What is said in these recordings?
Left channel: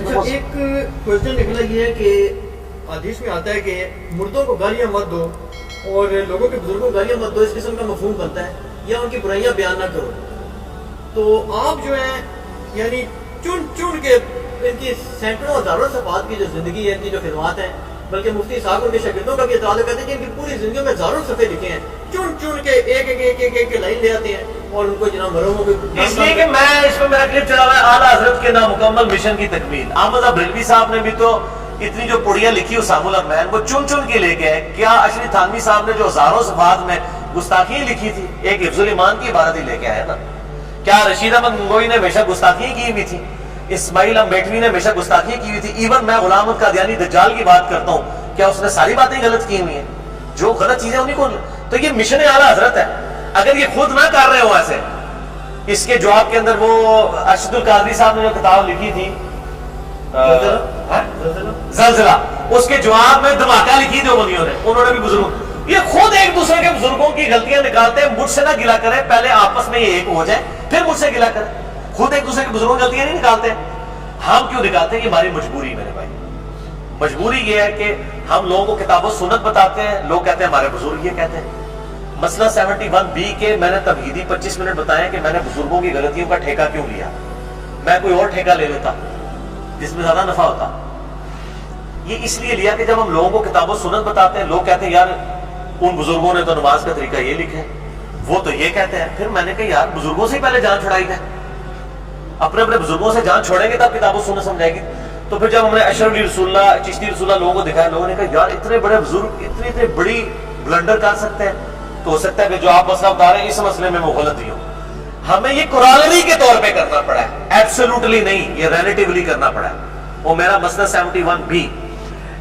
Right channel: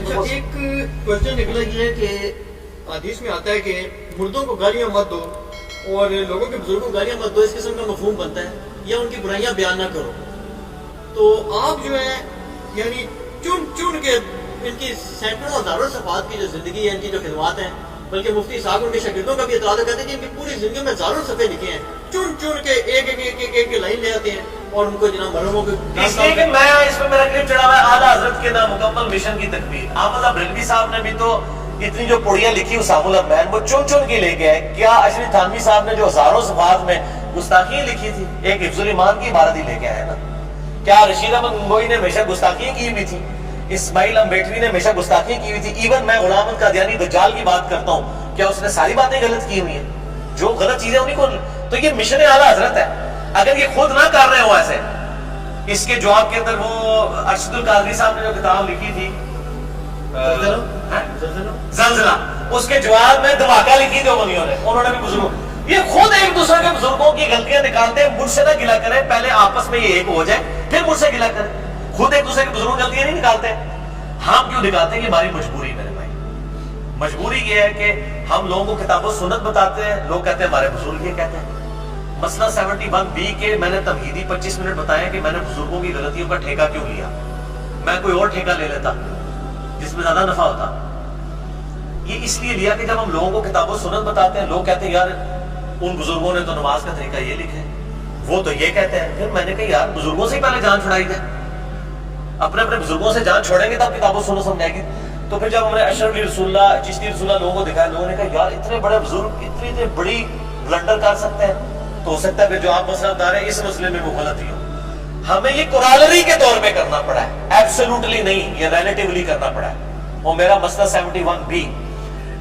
اچھا ایک کوشچن نکلا یہ ہے کہ حدیث میں آتا ہے کہ مردوں کو گالیاں مت دو اور لوگوں کے بزرگوں کو گالیاں مت دو، اس قسم کا مفہوم بنتا ہے، یا ان کی برائیاں بیان نہ کرو. تو آپ جو ہیں یعنی چن چن کے ان کی سینکڑوں ہزاروں صفحات کی جو زندگی ہے، ان کی جو خدمات ہیں، بلکہ مفتی اسحاق ان کے شاگردوں کا بھی اعتراض کہتے ہیں کہ ان کی پوری زندگی میں ہزاروں صفحے لکھے ہیں، چن چن کے ایک ایک ایک ایک ایک لائن لے آتے ہیں اور ان کو جناب مرحوموں کو اس لیے کہ میں اس میں میرا کلپ چڑھا ہوا ہے اعلیٰ حضرت کے نامکمل مشن کی تکمیل. احمد بریلوی صاحب نے بھی تو اتنی جو پڑیاں لکھی اسام الرحمن وہ چن چن کے لے کے آئے. کیا اشری تھانوی صاحب نے جو ہزاروں صفحات میں گستاخیاں لکھی تھی ایک حفظ الایمان کی عبارت ہی لے کے آئے نا. کیا رشید احمد گنگوئی نے ہمیشہ گستاخیاں کی ہوئی تھی؟ اسماعیل امبیٹوی نے ہمیشہ گستاخیاں کی ہوئی تھی؟ ایون میں غلام احمد قادیانی دجال کی بات کرتا ہوں، کیا اس نے ساری باتیں غلط کی ہوئی ہیں؟ جو غلط چیزیں انہیں کو، تو یہ مشن اعلیٰ حضرت ہے. اگر یہ خود نہ کر رہے ہو ایسے، اس کے جواب کے اندر وہ ارشد القادری صاحب نے جو کتاب لکھی تھی زلزلہ، اس کے جواب میں دھماکہ لکھی تھی انہوں نے بھی بزرگوں، یہ خود ایک دوسرے کے بزرگوں کی غلطیاں نکالتے ہیں. مجھ سے نہ گلا کریں، پہلے آپس میں یہ ایک ہو جائے پھر مجھ سے گلا کریں. خود ایک دوسرے کے بزرگوں کی غلطیاں نہیں نکالتے. ہم کیوں نکالتے ہیں؟ یہ ہماری مجبوری. میرے بھائی مجبوری یہ ہے کہ ہم لوگوں کو کتاب و سنت بتاتے ہیں، لوگ کہتے ہیں ہمارے بزرگ یہ کہتے ہیں. مسئلہ 71B کے میں نے تمہیدی 25 منٹ بتایا کہ میں نے بزرگوں کی غلطیوں کا ٹھیکہ کیوں لیا. میں کوئی اور ٹھیکہ لے لیتا جس میں زیادہ نفع ہوتا. یہ اس لیے لیا کہ جب ہم لوگوں کو کتاب و سنت بتاتے ہیں، لوگ کہتے ہیں یار ان بزرگوں نے تو نماز کا طریقہ یہ لکھا ہے، وہ تو یہ کہتے ہیں. پھر میں نے کہا یار بزرگوں سے ہی پہلے جان چھڑائی جائے، اپنے اپنے بزرگوں سے جان چھوڑیں گے تب کتاب و سنت سمجھائے گی. تو پھر جب ہم نے اشرف علی رسول اللہ، چشتی رسول اللہ لوگوں کو دکھایا، لوگوں نے کہا یار اتنے بڑے بزرگ اتنی بڑی بلنڈر کر سکتے ہیں، تو ہو سکتا ہے کہ جو آپ مسئلہ بتا رہے ہیں اس مسئلے میں وہ غلطی ہو. ہمیں یہ کورالری کے طور پہ کرنا پڑا ہے، ایبسولوٹلی نہیں، یہ ریلیٹیولی کرنا پڑا ہے. اور میرا مسئلہ 71B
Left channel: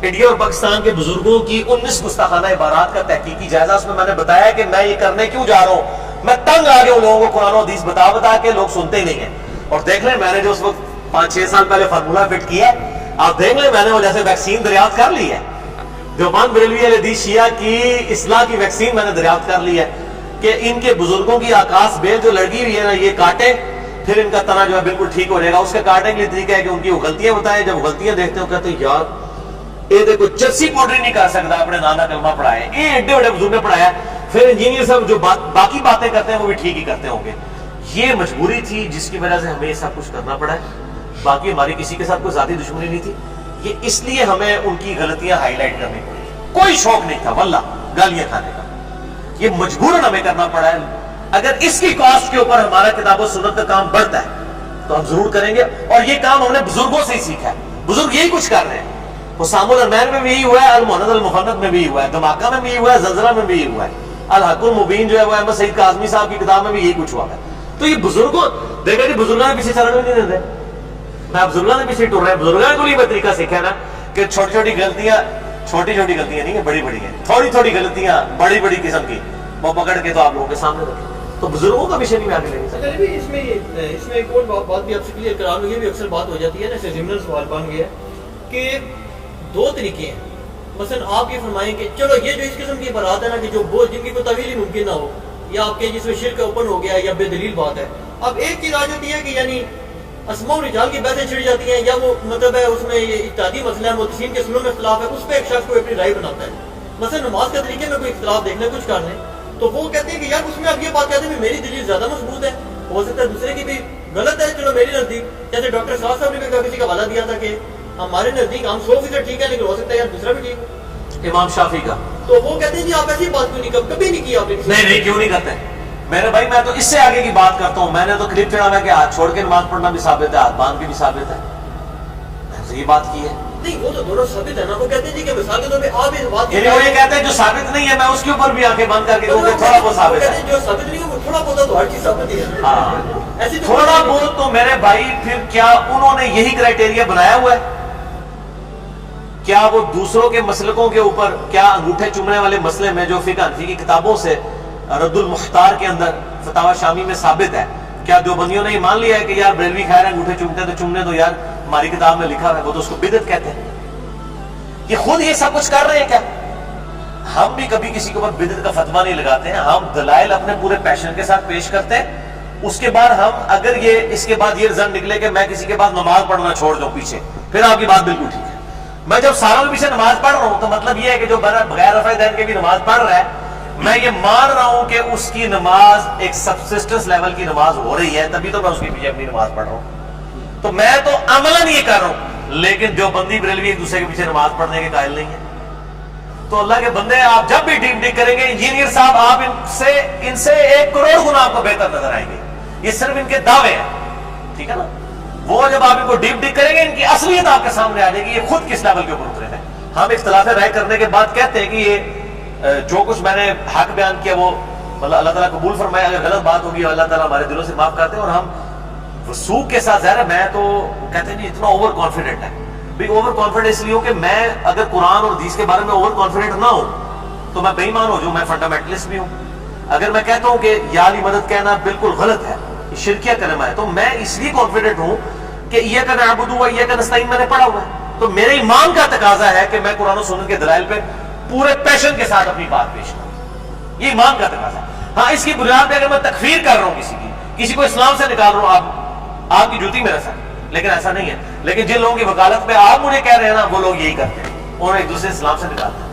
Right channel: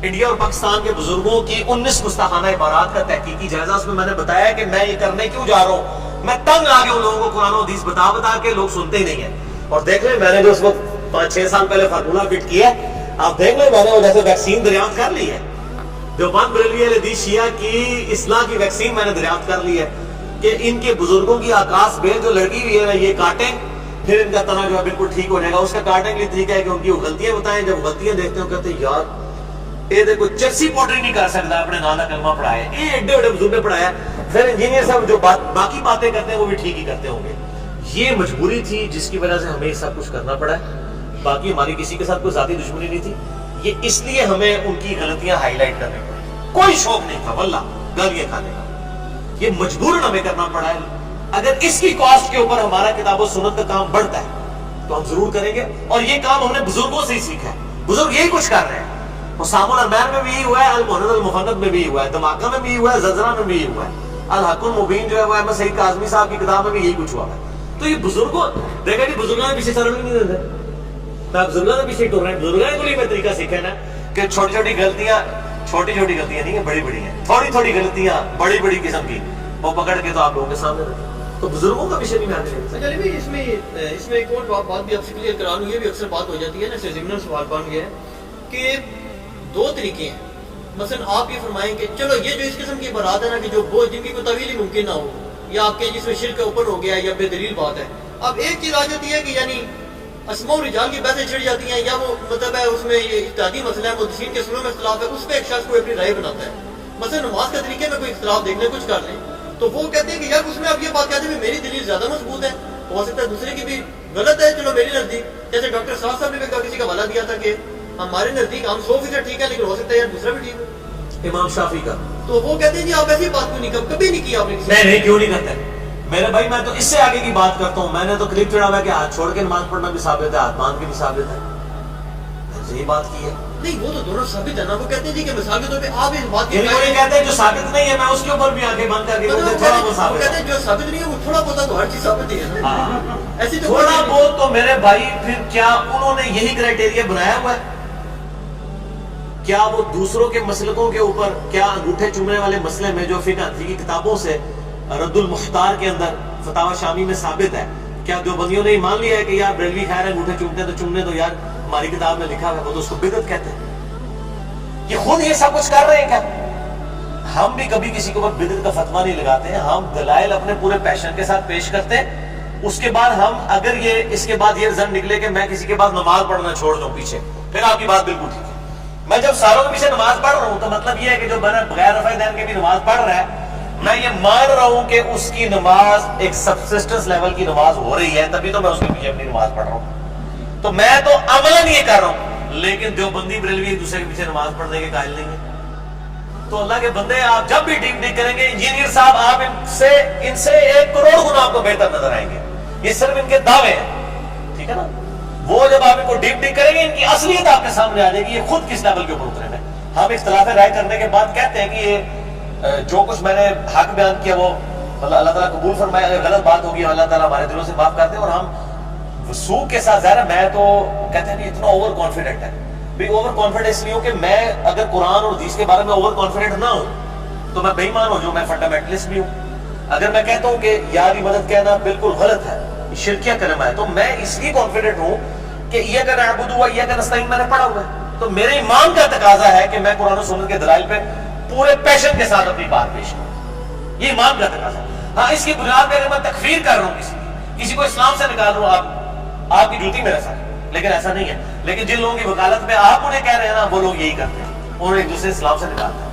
انڈیا اور پاکستان کے بزرگوں کی 19 گستاخانہ عبارات کا تحقیقی جائزہ، اس میں میں نے بتایا کہ میں یہ کرنے کیوں جا رہا ہوں. میں تنگ آ گیا ہوں لوگوں کو قرآن و حدیث بتا بتا کے، لوگ سنتے ہی نہیں ہیں. اور دیکھ لیں میں نے جو اس وقت 5-6 سال پہلے فارمولہ فٹ کیا ہے، آپ دیکھ لیں میں نے وہ جیسے ویکسین دریافت کر لی ہے. دیوبند بریلوی اہل حدیث شیعہ کی اصلاح کی ویکسین میں نے دریافت کر لی ہے کہ ان کے بزرگوں کی آکاس بیل جو لڑکی ہوئی ہے نا، یہ کاٹیں پھر ان کا تنا جو ہے بالکل ٹھیک ہو جائے گا. اس کا کاٹنے کے لیے طریقہ ہے کہ ان کی وہ غلطیاں بتائیں. جب غلطیاں دیکھتے ہو کہتے ہیں یار یہ دیکھو چرسی پوڈری نہیں کر سکتا، اپنے نانا کلمہ پڑھائے، یہ ایڈے بڑے بزرگ نے پڑھایا. پھر انجینئر صاحب جو باقی باتیں کرتے ہیں وہ بھی ٹھیک ہی کرتے ہوں گے. یہ مجبوری تھی جس کی وجہ سے ہمیں یہ سب کچھ کرنا پڑا ہے. باقی ہماری کسی کے ساتھ کوئی ذاتی دشمنی نہیں تھی. یہ اس لیے ہمیں ان کی غلطیاں ہائی لائٹ کرنی پڑی. کوئی شوق نہیں تھا واللہ گالیاں کھانے کا، یہ مجبوراً ہمیں کرنا پڑا ہے. اگر اس کی کاسٹ کے اوپر ہمارا کتاب و سنت کا کام بڑھتا ہے تو ہم ضرور کریں گے. اور یہ کام ہم نے بزرگوں سے ہی سیکھا ہے. بزرگ یہی کچھ کر رہے ہیں. اسام الرحمن میں بھی یہی ہوا ہے، المحند المفند میں بھی ہوا ہے، دھماکہ میں بھی ہوا ہے، زلزلہ میں بھی ہوا ہے، الحق المبین جو ہے وہ احمد سعید کاظمی صاحب کی کتاب میں بھی یہی کچھ ہوا ہے. تو یہ بزرگوں دیکھا جی بزرگوں نے پیچھے چلنے بھی نہیں دیتے. میں بزرگوں نے پیچھے ٹر رہے ہیں. بزرگوں کو یہ طریقہ سیکھا نا کہ چھوٹی چھوٹی غلطیاں نہیں ہیں، بڑی بڑی ہیں. تھوڑی تھوڑی غلطیاں بڑی بڑی قسم کی وہ پکڑ کے تو آپ لوگوں کے سامنے رکھیں. تو بزرگوں کا مشن ہی میں آگے لے گا. چلیے بھی اس میں ایک اور بات بھی آپ سے کلیئر کرا لوں. یہ بھی اکثر بات ہو جاتی ہے نا، اسے ضمن سوال بن گیا ہے کہ 2 طریقے ہیں. مثلا آپ یہ فرمائیں کہ چلو یہ جو اس قسم کی عبارات ہے نا کہ جو جن کی کوئی طویل ہی ممکن نہ ہو، یا آپ کے جس میں شرک اوپن ہو گیا یا بے دلیل بات ہے. اب ایک چیز آ جاتی ہے کہ یعنی اسماء و رجال کی بحثیں چھڑ جاتی ہیں، یا وہ مطلب ہے اس میں یہ اجتہادی مسئلہ ہے، محدثین کے سنوں میں اختلاف ہے، اس پہ ایک شخص کو اپنی رائے بناتا ہے. مثلا نماز کے طریقے میں کوئی اختلاف دیکھ لیں، کچھ کر لیں، تو وہ کہتے ہیں کہ یار اس میں آپ یہ بات کہتے ہیں کہ میری دلیل زیادہ مضبوط ہے، ہو سکتا ہے دوسرے کی بھی غلط ہے، چلو میری نزدیک. جیسے ڈاکٹر صاحب نے بھی کسی کا حوالہ دیا تھا کہ ہمارے نزدیک ہم 100% ٹھیک ہے، لیکن ہو سکتا ہے یار دوسرا بھی ٹھیک ہے، امام شافعی کا. تو وہ کہتے ہیں جی آپ ایسی بات کیوں نہیں کبھی نہیں کی آپ نے؟ نہیں کیوں نہیں کرتے میرے بھائی. میں تو اس سے آگے کی بات کرتا ہوں. میں نے تو کلپ چڑھا ہوا کہ ہاتھ چھوڑ کے نماز پڑھنا بھی ثابت ہے، ہاتھ باندھ کے بھی ثابت ہے. میں نے یہی بات کی ہے. نہیں وہ تو دونوں ثابت ہے نا. وہ کہتے ہیں جی کہ مثال کے طور پہ آپ اس بات کی وہ یہ کہتے ہیں جو ثابت نہیں ہے میں اس کے اوپر بھی آنکھیں بند کر کے کہوں کہ تھوڑا بہت ثابت ہے. جو ثابت نہیں ہے وہ تھوڑا بہت تو ہر چیز ثابت ہی ہے. ہاں ایسی تھوڑا بہت تو میرے بھائی. پھر کیا انہوں نے یہی کرائٹیریا بنایا ہوا ہے؟ کیا وہ دوسروں کے مسلکوں کے اوپر، کیا انگوٹھے چومنے والے مسئلے میں جو فقہ حنفی کی کتابوں سے رد المختار کے اندر فتاوی شامی میں ثابت ہے، کیا دیوبندیوں نے یہ مان لیا ہے کہ یار بریلوی خیر ہے انگوٹھے چومتے تو چومنے تو یار ہماری کتاب میں لکھا ہے، وہ تو اس کو بدعت کہتے ہیں. یہ خود یہ سب کچھ کر رہے ہیں کیا؟ ہم بھی کبھی کسی کے اوپر بدعت کا فتویٰ نہیں لگاتے ہیں. ہم دلائل اپنے پورے پیشن کے ساتھ پیش کرتے ہیں اس کے بعد ہم اگر یہ اس کے بعد یہ رزلٹ نکلے کہ میں کسی کے بعد نماز پڑھنا چھوڑ دوں پیچھے، پھر آپ کی بات بالکل ٹھیک ہے. میں جب ساروں کے پیچھے نماز پڑھ رہا ہوں تو مطلب یہ ہے کہ جو بغیر رفع دین کے بھی نماز پڑھ رہا ہے، میں یہ مان رہا ہوں کہ اس کی نماز ایک سبسسٹنس لیول کی نماز ہو رہی ہے، تبھی تو میں اس کے پیچھے اپنی نماز پڑھ رہا ہوں. تو میں تو عملاً یہ کر رہا ہوں، لیکن دیوبندی بریلوی ایک دوسرے کے پیچھے نماز پڑھنے کے قائل نہیں ہے. تو اللہ کے بندے آپ جب بھی ڈیپ ڈگ کریں گے، انجینئر صاحب آپ ان سے 1 کروڑ گنا آپ کو بہتر نظر آئیں گے. یہ صرف ان کے دعوے ہیں، ٹھیک ہے نا. وہ جب آپ ان کو ڈیپ ڈگ کریں گے، ان کی اصلیت آپ کے سامنے آ جائے گی، یہ خود کس لیول کے اوپر اترے ہیں. ہم اختلاف رائے کرنے کے بعد کہتے ہیں کہ یہ جو کچھ میں نے حق بیان کیا وہ مطلب اللہ تعالیٰ قبول فرمائے. اگر غلط بات ہوگی اللہ تعالیٰ ہمارے دلوں سے معاف کرتے ہیں. اور ہم وثوق کے ساتھ ظاہر ہے، میں تو کہتے ہیں اتنا اوور کانفیڈنٹ ہے. بھی اوور کانفیڈنٹ اس لیے ہوں کہ میں اگر قرآن اور حدیث کے بارے میں اوور کانفیڈنٹ نہ ہوں تو میں بے ایمان ہو جاؤں، میں فنڈامنٹلسٹ بھی ہوں. اگر میں کہتا ہوں کہ یا علی مدد کہنا بالکل غلط ہے، شرکیہ کلمہ ہے، تو میں اس لیے کانفیڈنٹ ہوں کہ ایاک نعبد و ایاک نستعین میں نے پڑھا ہوا ہے. تو میرے ایمان کا تقاضا ہے کہ میں قرآن و سنت کے دلائل پہ پورے پیشن کے ساتھ اپنی بات پیش کروں. یہ ایمان کا تقاضا ہے. ہاں، اس کی بنیاد پہ اگر میں تکفیر کر رہا ہوں کسی کو اسلام سے نکال رہا ہوں، آپ کی جوتی میرا ساتھ، لیکن ایسا نہیں ہے. لیکن جن لوگوں کی وکالت میں آپ مجھے کہہ رہے ہیں نا، وہ لوگ یہی کرتے ہیں، انہوں ایک دوسرے اسلام سے نکالتے ہیں.